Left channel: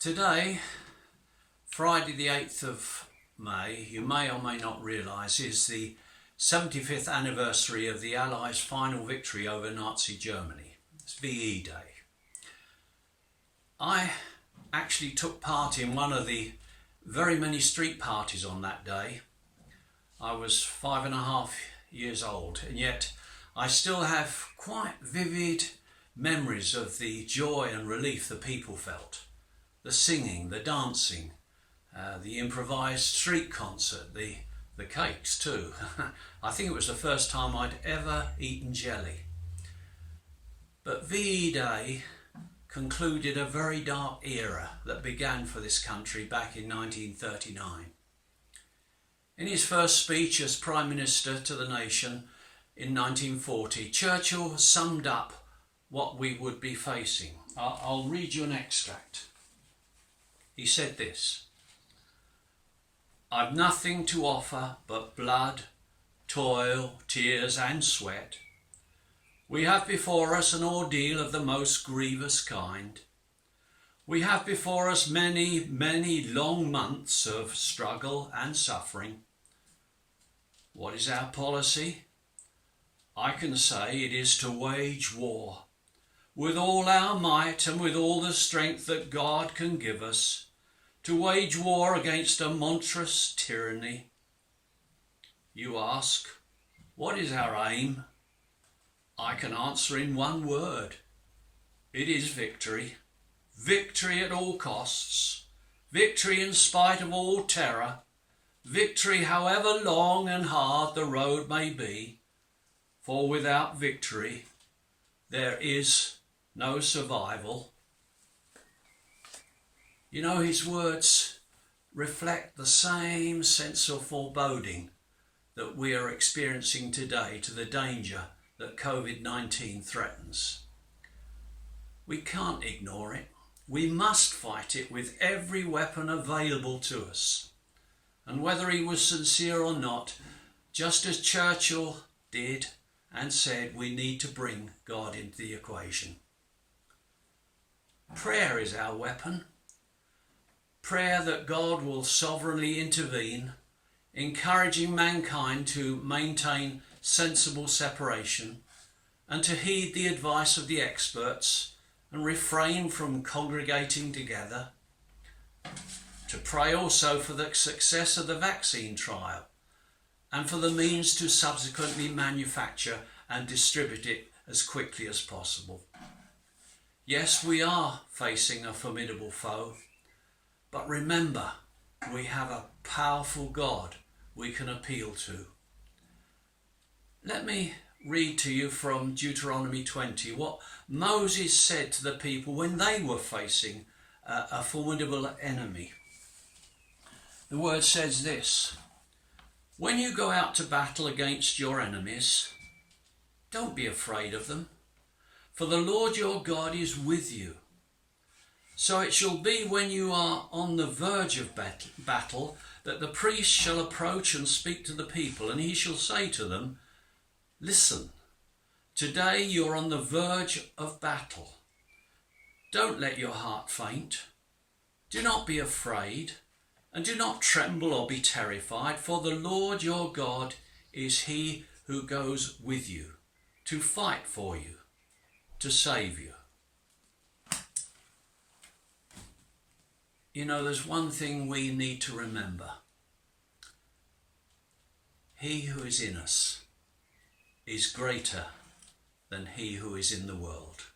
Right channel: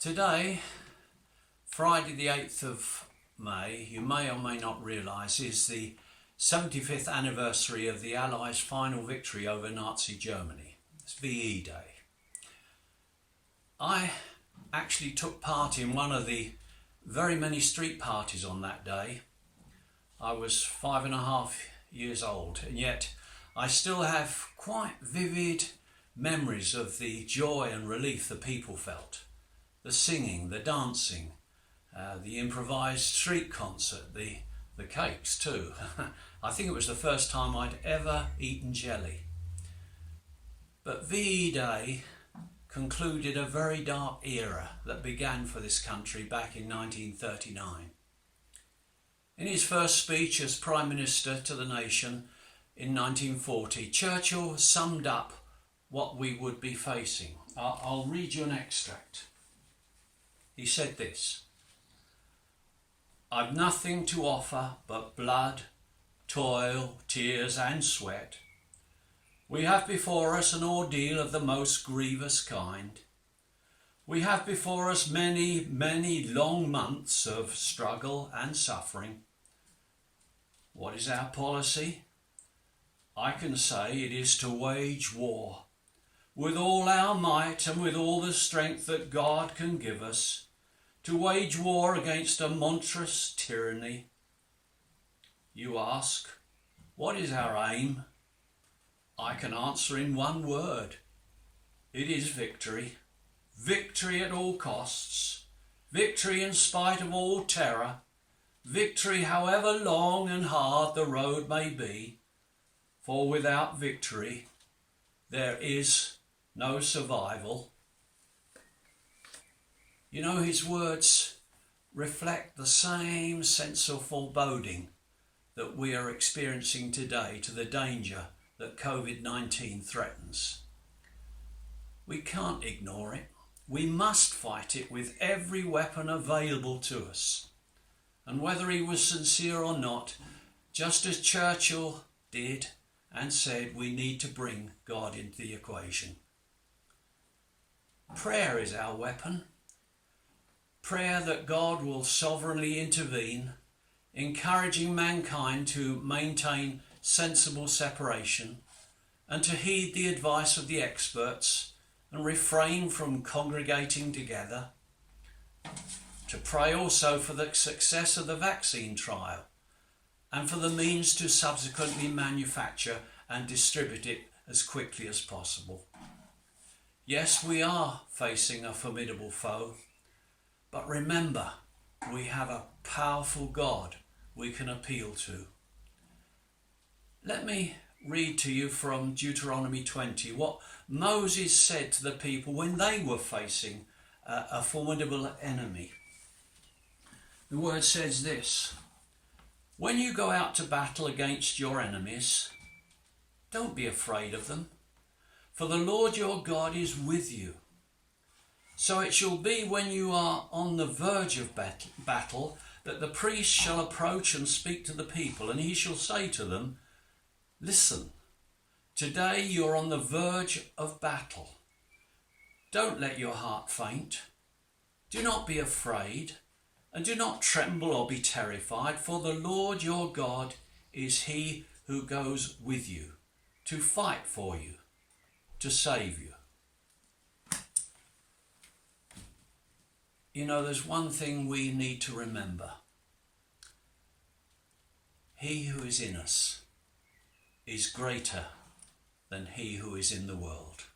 Today, Friday the 8th of May, you may or may not realise, is the 75th anniversary of the Allies' final victory over Nazi Germany. It's VE Day. I actually took part in one of the very many street parties on that day. I was 5.5 years old, and yet I still have quite vivid memories of the joy and relief the people felt. The singing, the dancing, the improvised street concert, the cakes too. I think it was the first time I'd ever eaten jelly. But VE Day concluded a very dark era that began for this country back in 1939. In his first speech as Prime Minister to the nation in 1940, Churchill summed up what we would be facing. I'll read you an extract. He said this: "I've nothing to offer but blood, toil, tears and sweat. We have before us an ordeal of the most grievous kind. We have before us many, many long months of struggle and suffering. What is our policy? I can say it is to wage war with all our might and with all the strength that God can give us, to wage war against a monstrous tyranny. You ask, what is our aim? I can answer in one word. It is victory. Victory at all costs. Victory in spite of all terror. Victory however long and hard the road may be. For without victory, there is no survival." You know, his words reflect the same sense of foreboding that we are experiencing today to the danger that COVID-19 threatens. We can't ignore it. We must fight it with every weapon available to us. And whether he was sincere or not, just as Churchill did and said, we need to bring God into the equation. Prayer is our weapon. Prayer that God will sovereignly intervene, encouraging mankind to maintain sensible separation and to heed the advice of the experts and refrain from congregating together. To pray also for the success of the vaccine trial and for the means to subsequently manufacture and distribute it as quickly as possible. Yes, we are facing a formidable foe, but remember, we have a powerful God we can appeal to. Let me read to you from Deuteronomy 20 what Moses said to the people when they were facing a formidable enemy. The word says this: "When you go out to battle against your enemies, don't be afraid of them, for the Lord your God is with you. So it shall be when you are on the verge of battle that the priest shall approach and speak to the people, and he shall say to them, 'Listen, today you're on the verge of battle. Don't let your heart faint. Do not be afraid, and do not tremble or be terrified, for the Lord your God is he who goes with you to fight for you, to save you.'" You know, there's one thing we need to remember. He who is in us is greater than he who is in the world.